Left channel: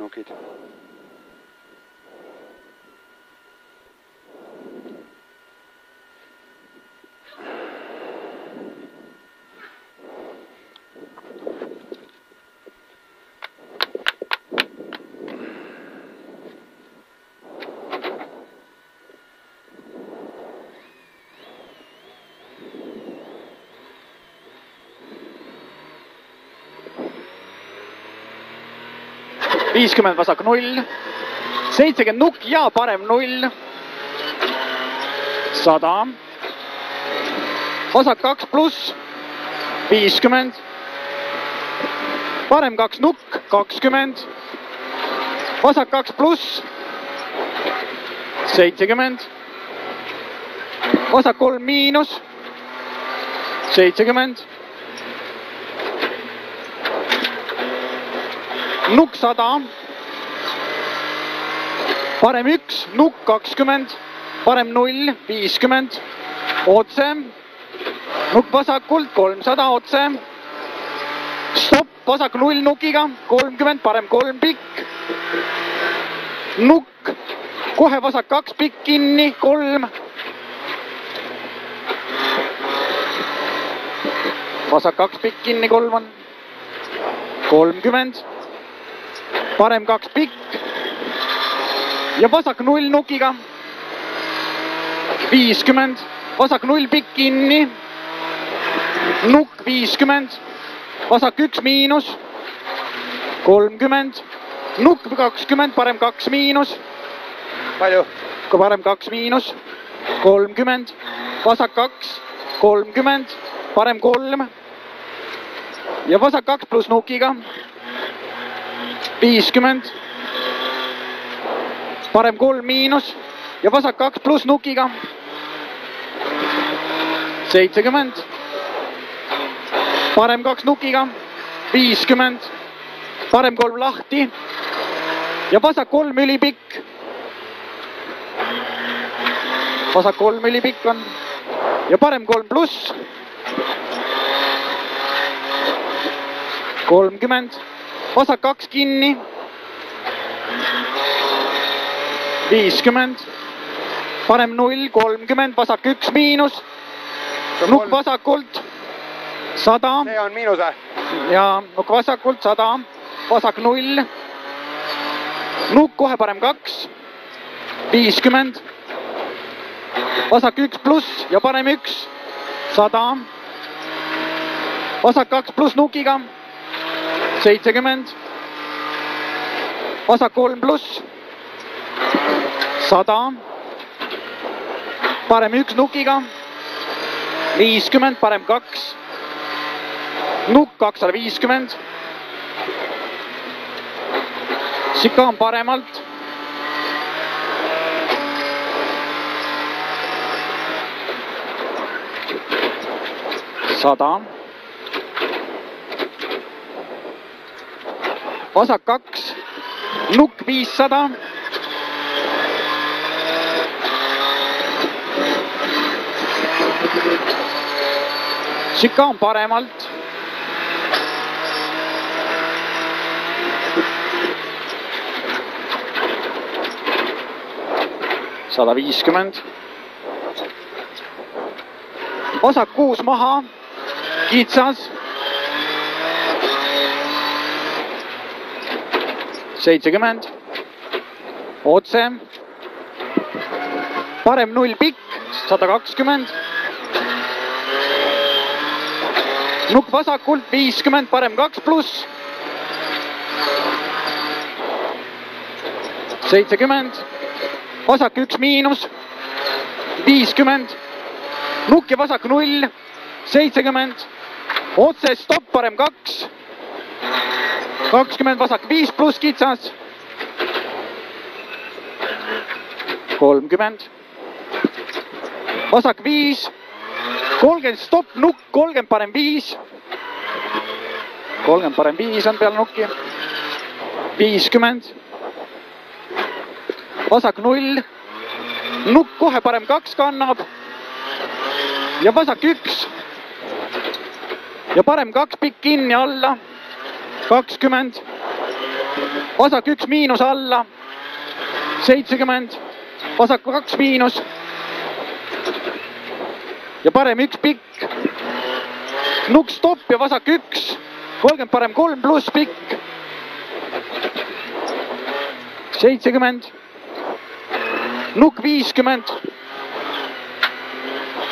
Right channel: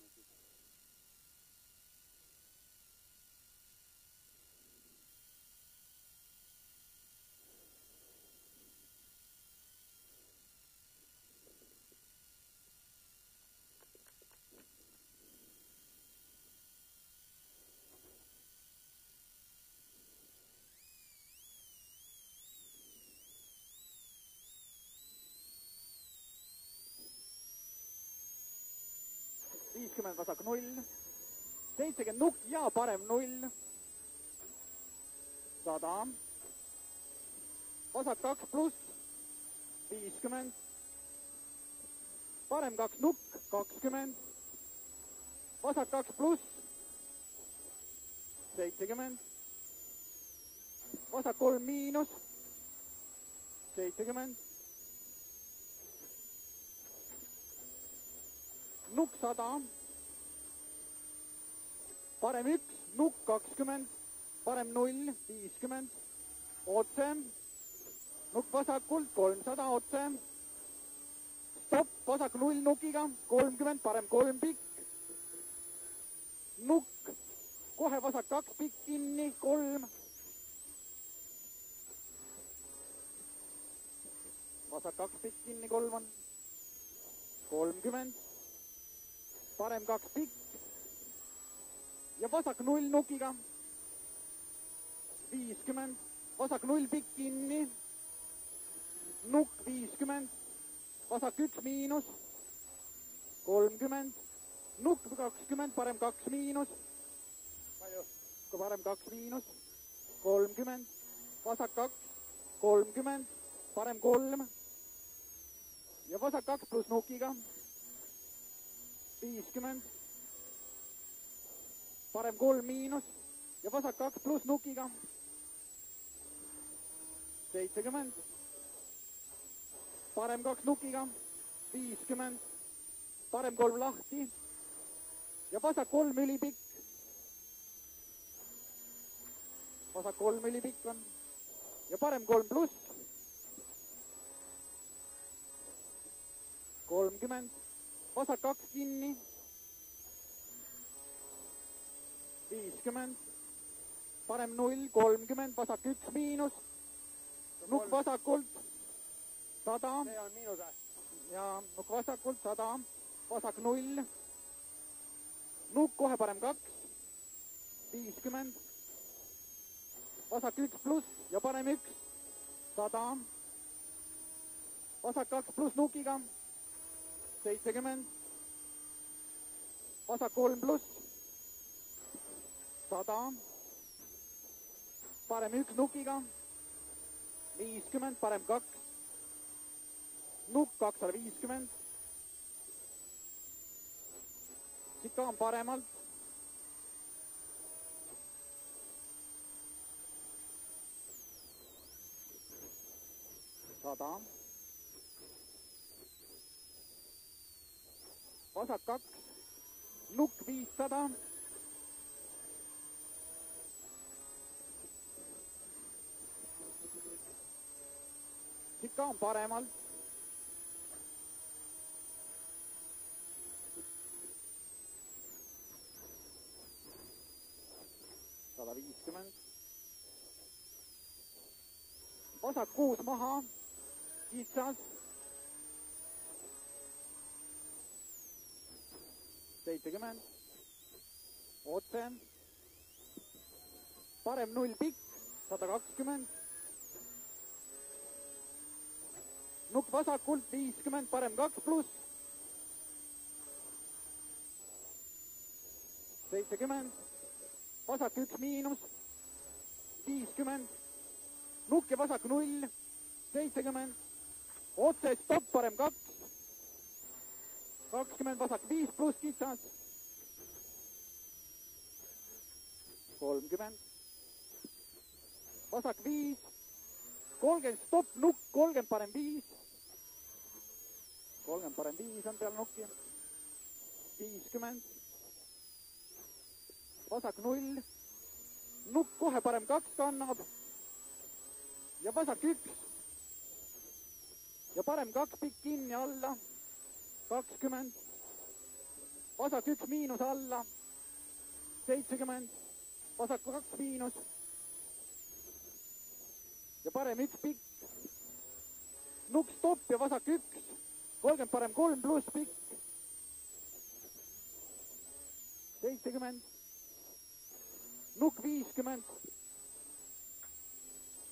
nukid. Viiskümmend vasak 0, 70 nukk ja parem 0, 100, vasak 2 pluss, 50, parem 2 nukk, 20, vasak 2 pluss, 70, vasak 3 miinus, 70, nukk 100, parem 1, nukk 20, parem 0, 50, otse, nukk vasakult 300, otse, stopp, vasak 0 nukiga, 30, parem 3 pikk, nukk, kohe vasak 2 pikk kinni, 3, vasak 2 pikk kinni, 3 on, 30, parem 2 pikk ja vasak 0 nukiga, 50, vasak 0 pikk kinni, nukk 50, vasak 1 miinus, 30, nukk 20, parem 2 miinus, Palju? Parem 2 miinus, 30, vasak 2, 30, parem 3 ja vasak 2 pluss nukiga, 50, parem 3 miinus ja vasak 2 pluss nukiga, 70, parem 2 nukiga, 50, parem 3 lahti ja vasak 3 ülipikk, vasak 3 ülipikk on ja parem 3 pluss, 30, vasak 2 kinni, 50, parem 0, 30, vasak 1 miinus, nukk vasakult, 100. See on miinuse. Ja nukk vasakult, 100, vasak 0, nukk kohe parem 2, 50, vasak 1 pluss ja parem 1, 100, vasak 2 pluss nukiga, 70, vasak 3 pluss, 100, parem 1 nukiga, 50, parem 2, nukk 250, sikaan paremalt, 100, vasak 2, nukk 500, sikaan paremalt, 150, vasak 6 maha, kitsas, 70, otse, parem 0 pikk, 120, nukk vasakult 50, parem 2 pluss, 70, vasak 1 miinus, 50, nukk ja vasak 0, 70, otse stopp, parem 2, 20, vasak 5 pluss kitsas, 30, vasak 5, 30 stopp, nukk, 30 parem 5, 30 parem 5 on peal nukki, 50, vasak 0, nukk kohe parem 2 kannab ja vasak 1 ja parem 2 pikk kinni alla, 20, vasak 1 miinus alla, 70, vasak 2 miinus ja parem 1 pikk, nukk stopp ja vasak 1, 30 parem 3 pluss pikk, 70, nukk 50,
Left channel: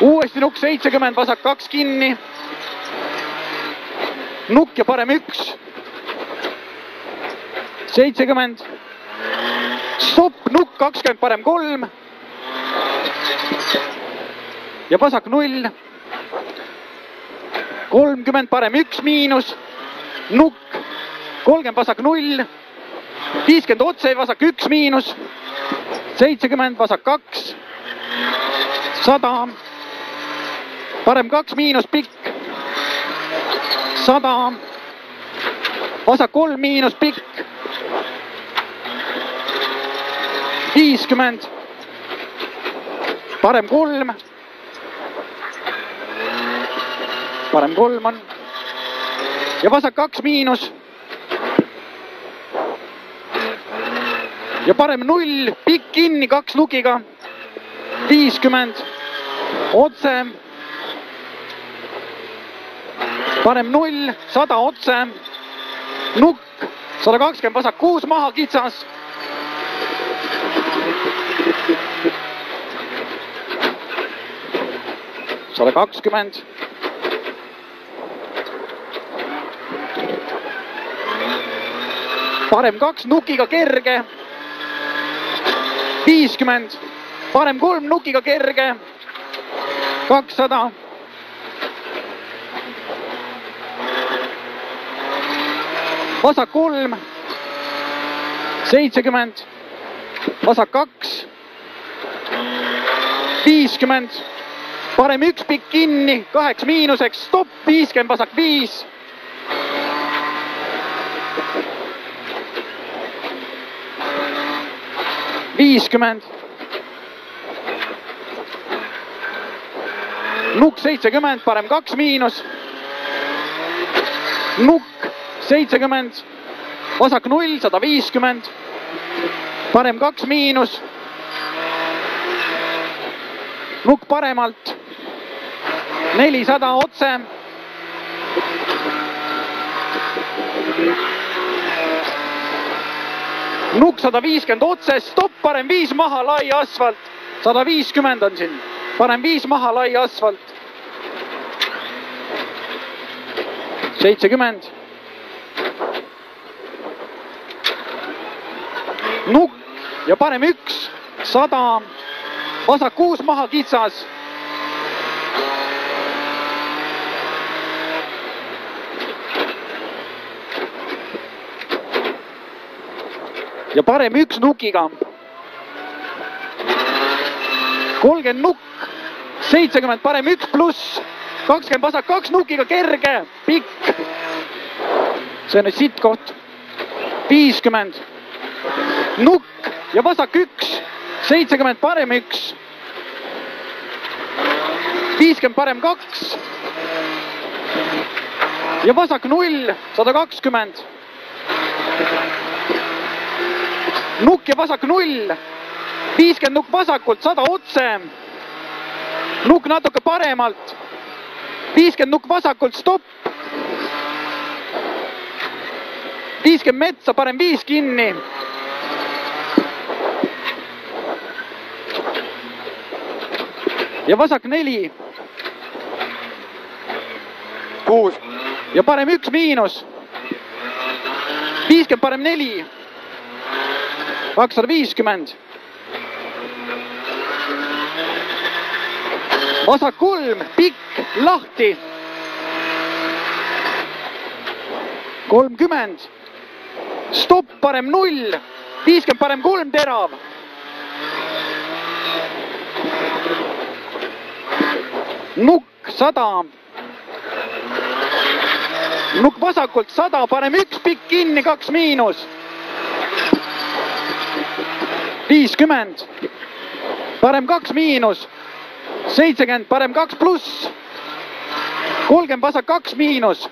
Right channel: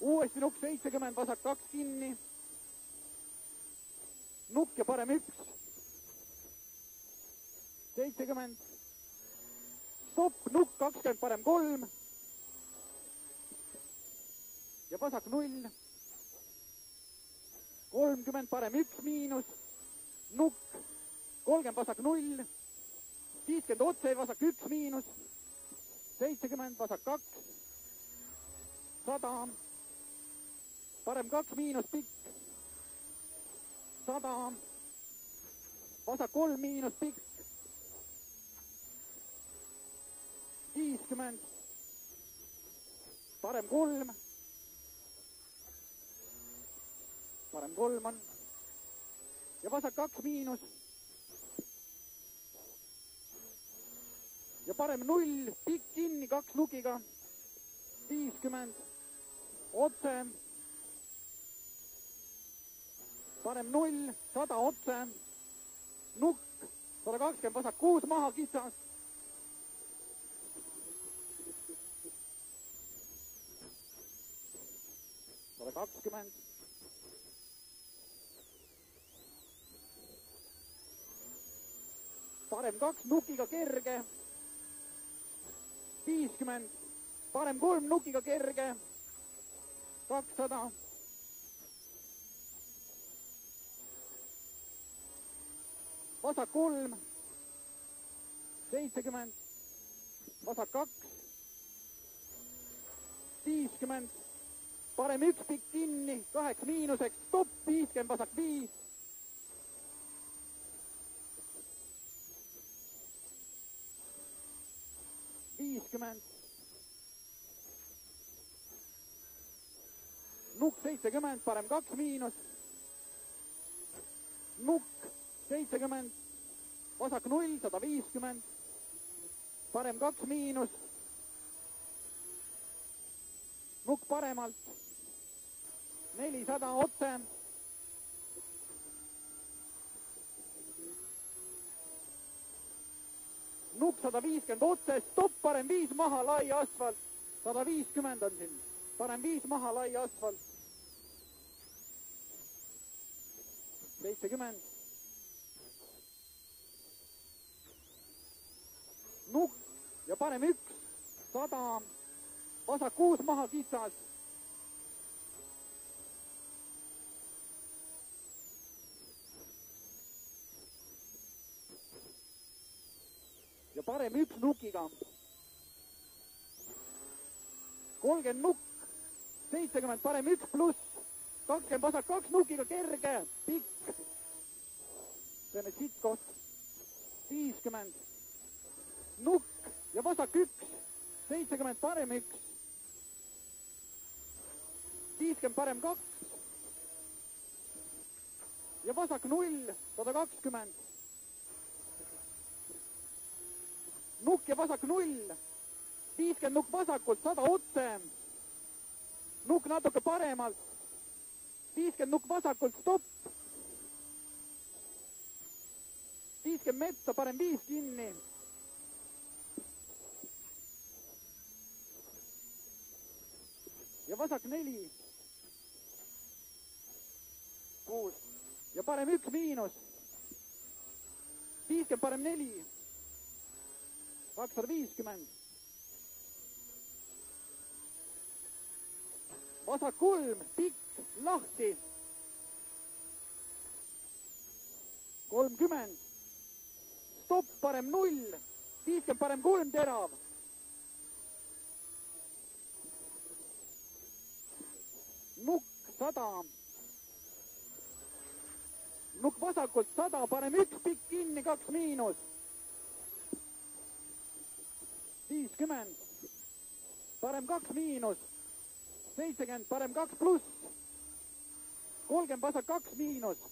uuesti nukk 70, vasak 2 kinni, nukk ja parem 1, 70, stopp, nukk 20, parem 3 ja vasak 0, 30, parem 1 miinus, nukk, 30, vasak 0, 50 otse, vasak 1 miinus, 70, vasak 2, 100, parem 2 miinus, pikk, 100, vasak 3 miinus, pikk, 50, parem 3, parem 3 on ja vasak 2 miinus ja parem 0, pikk kinni 2 nukiga, 50, otse, parem 0, 100 otse, nukk, 120, vasak 6 maha, kitsas, sada 20, parem 2 nukiga kerge, 50, parem 3 nukiga kerge, 200, vasak 3, 70, vasak 2, 50, parem 1 pikk kinni, 8 miinuseks, stopp, 50, vasak 5, 50, nukk 70, parem 2 miinus, nukk 70, vasak 0, 150, parem 2 miinus, nukk paremalt, 400 otse, nukk 150 otse, stopp, parem 5 maha, lai asfalt, 150 on siin, parem 5 maha, lai asfalt, 70, nukk ja parem 1, 100, vasak 6 maha, kitsas, ja parem 1 nukiga, 30 nukk, 70 parem 1 pluss, 20 vasak 2 nukiga kerge, pikk, see on nüüd sitt koht, 50, nukk ja vasak 1, 70 parem 1, 50 parem 2 ja vasak 0, 120, nukk ja vasak 0, 50 nukk vasakult, 100 otse, nukk natuke paremalt, 50 nukk vasakult, stopp, 50 metsa, parem 5 kinni, ja vasak 4, 6, ja parem 1 miinus, 50 parem 4, 250, vasak 3, pikk, lahti, 30, stopp, parem 0, 50 parem 3, terav, nukk 100, nukk vasakult 100, parem 1 pikk kinni, 2 miinus, 50, parem 2 miinus, 70, parem 2 pluss, 30 vasak 2 miinus,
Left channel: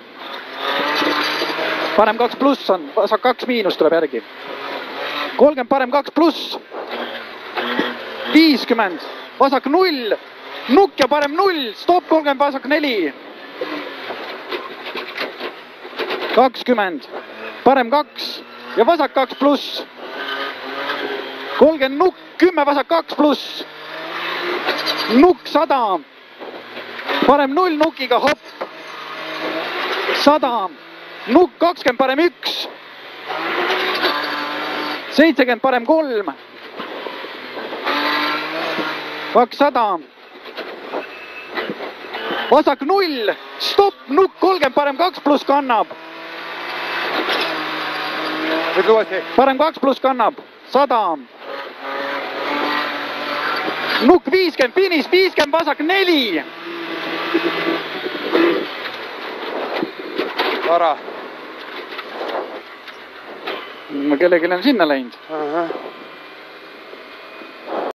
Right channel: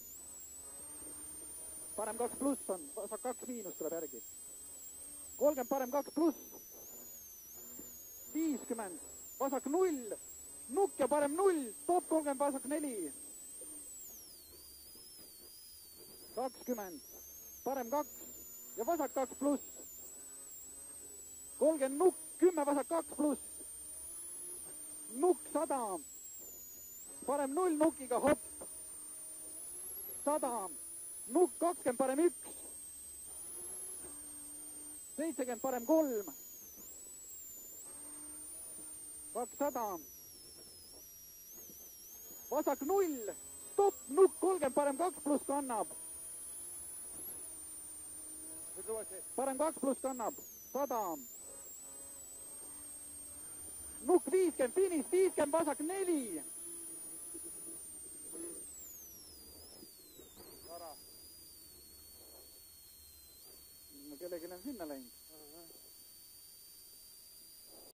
parem 2 pluss on, vasak 2 miinus tuleb järgi. 30 parem 2 pluss. 50, vasak 0, nukk ja parem 0, stopp 30, vasak 4. 20, parem 2 ja vasak 2 pluss. 30 nukk, 10 vasak 2 pluss. Nukk 100, parem 0 nukiga, hopp. 100, nukk 20, parem 1. 70, parem 3. 200, vasak 0, stopp, nukk 30, parem 2 pluss kannab. Ütle uuesti. Parem 2 pluss kannab, 100. Nukk 50, finiš, 50, vasak 4. Vara. Kellelgi on sinna läinud. Ahah.